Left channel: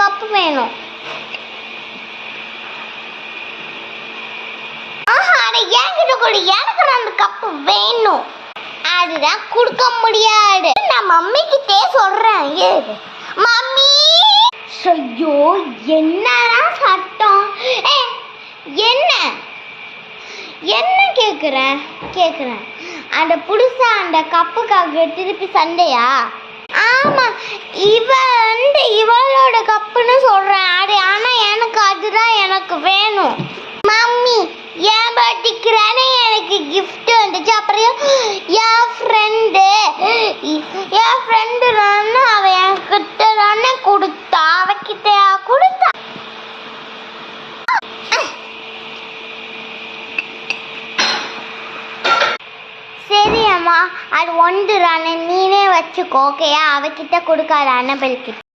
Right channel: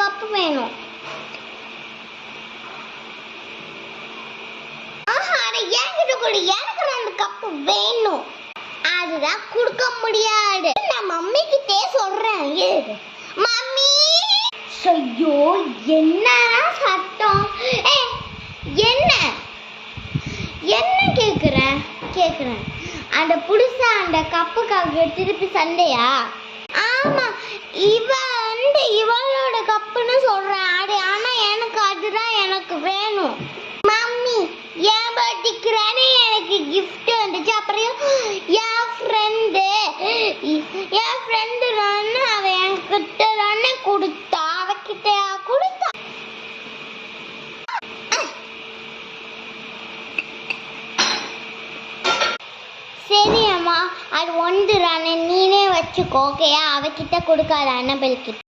Cup வேணும். அதை என்கிட்ட கொடு, எனக்கு அந்த கப்பு வேணும். அதுதான் கொடுக்க முடியாது. நான் மம்மி கிட்டே சொல்றேன். மம்மி, ஐயோ என்னடா சத்தம்? என்ன என்ன கேக்குறேன் அந்த புதுசா அந்த கப்புக்காக திருப்பி சண்டையா? ஆமா, இவளோட கப்புன்னு சொல்றேன். அது ஆனா எனக்கு அதுதான் எனக்கு வேணும். மம்மி, என் பர்த்டேக்குறானே எனக்கு கிஃப்ட் வந்துச்சு. அப்புறம் என் ஃப்ரெண்டு தானே அவ என்கிட்ட தானே கொடுத்தா. அவகிட்ட கொடுத்தா. சரி அம்மா, அது ஒன்று தானே, நீனே வச்சுக்கோ. ஓகேயா? அவகிட்ட கொடுக்காத, அன்னபெல் கிட்ட.